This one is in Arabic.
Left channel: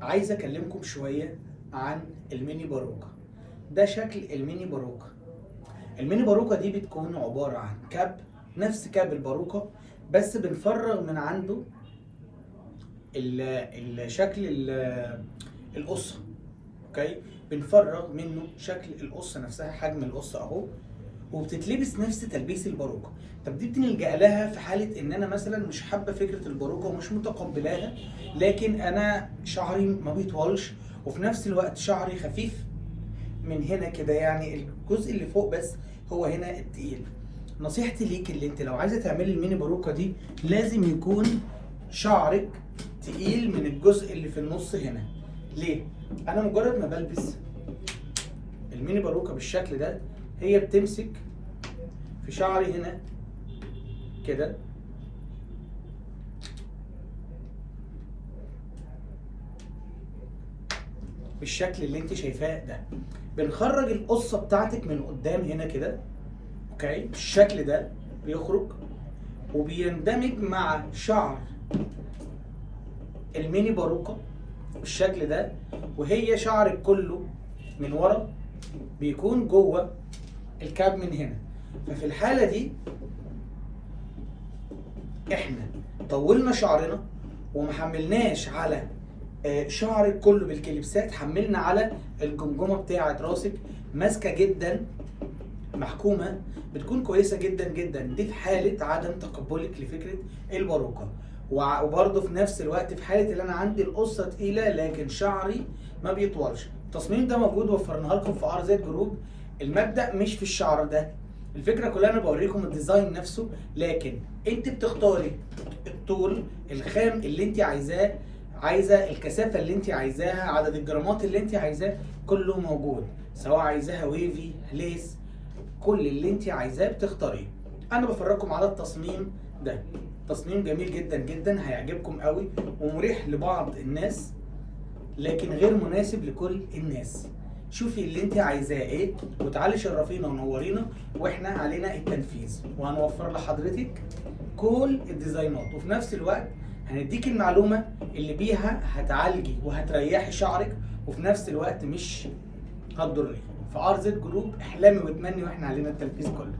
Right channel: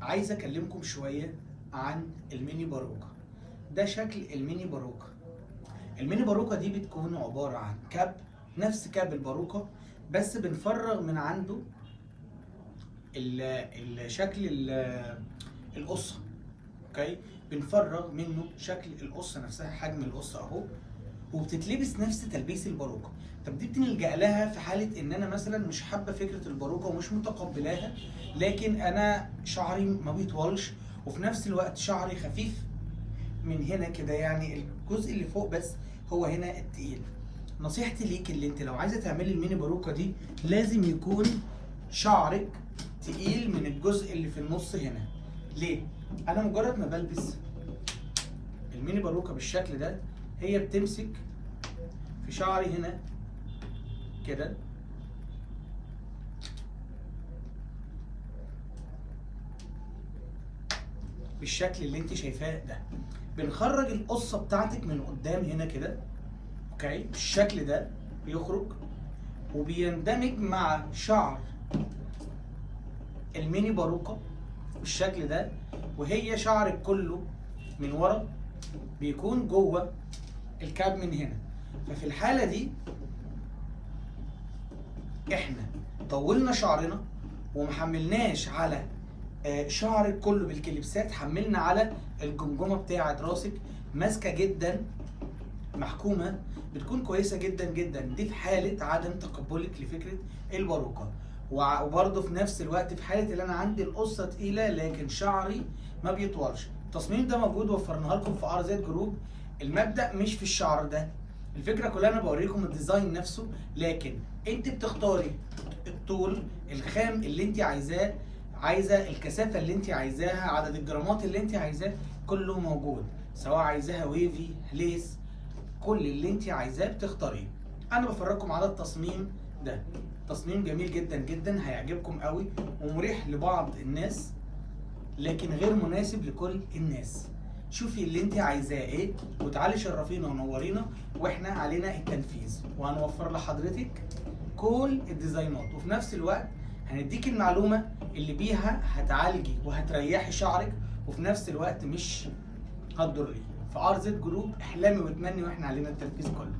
عايز اكلمكم شوية عن الميني باروكة. ده شكل الميني باروكة. الميني باروكة دي بتكون عبارة عن كاب نفس كاب الباروكة، بس بنفرغ من عنده الشكل القصة. اوكي، بنفرغ منه شكل القصة نفسها، حجم القصة اهو، وبتتلبس نفس تلبيس الباروكة. طب دي بنلجأ لها في حالة ان انا مثلا مش حابة فكرة الباروكة ومش متقبلاها، لكن انا شعري ما بيطولش وفي نفس الوقت شعري خفيف من هنا كده، يعني الجزء اللي فوق بس هو هنا التقيل. نصيحتي ليك اللي انت لو عايزة تعملي الميني باروكة دي لازم يكون شعرك تقيل من الجزء اللي في النص هنا. ليه؟ انا مجرد ما بلبس الميني باروكة بالشكل ده هي بتمسك في شعري هنا كده، بالشكل اللي انت شايفاه ده. بنخرج القصة بتاعتك من قدام هنا كده، اوكي، بالشكل ده بيخرج وبيندمج مع شعر الميني باروكة بالشكل ده، وهي شعرك كله من ورا بيكون جوه الكاب من هنا. ففي الحالة دي احنا طولنا شعرنا ومحملناش على شعرك كله بالكليبسات، حملنا على الجمجمه بتاعه راسك ماسكه جدا، محكومه، بتكون كويسه جدا جدا. دي في حاله عدم تقبلك لفكره الباروكه، وبرضه في نفس الوقت في حاله اللي انا عندي القصه تقيله لكن شعري ما بيطولش. التصميم ده موجود، وفرناه لكم في ار زد جروب. المبدأ مش في الشعر ده، الفكره كلها انا بوريكم الديزاين نفسه، لكن انت بتختاري الطول، الخام اللي انت عايزاه، عايزه الكثافه اللي انت عايزاها، عدد الجرامات اللي انت عايزاه، كله موجود. سواء عايزاها ويفي، ليس، كل اللي انت عايزاه بتختاريه. انا بفرجكم على التصميم ده. تصميم جميل جدا جدا، هيعجبكم قوي ومريح لبعض الناس لكن غير مناسب لكل الناس. شوفي اللي انت عايزاه ايه وتعالي شرفينا ونورينا، واحنا علينا التنفيذ وهنوفر لحضرتك كل الديزاينات، وفي نفس الوقت هنديك المعلومة اللي بيها هتعالجي وهتريحي شعرك وفي نفس الوقت مش هتضريه. في ار زد جروب احلامي واتمني، واحنا علينا التنفيذ كله.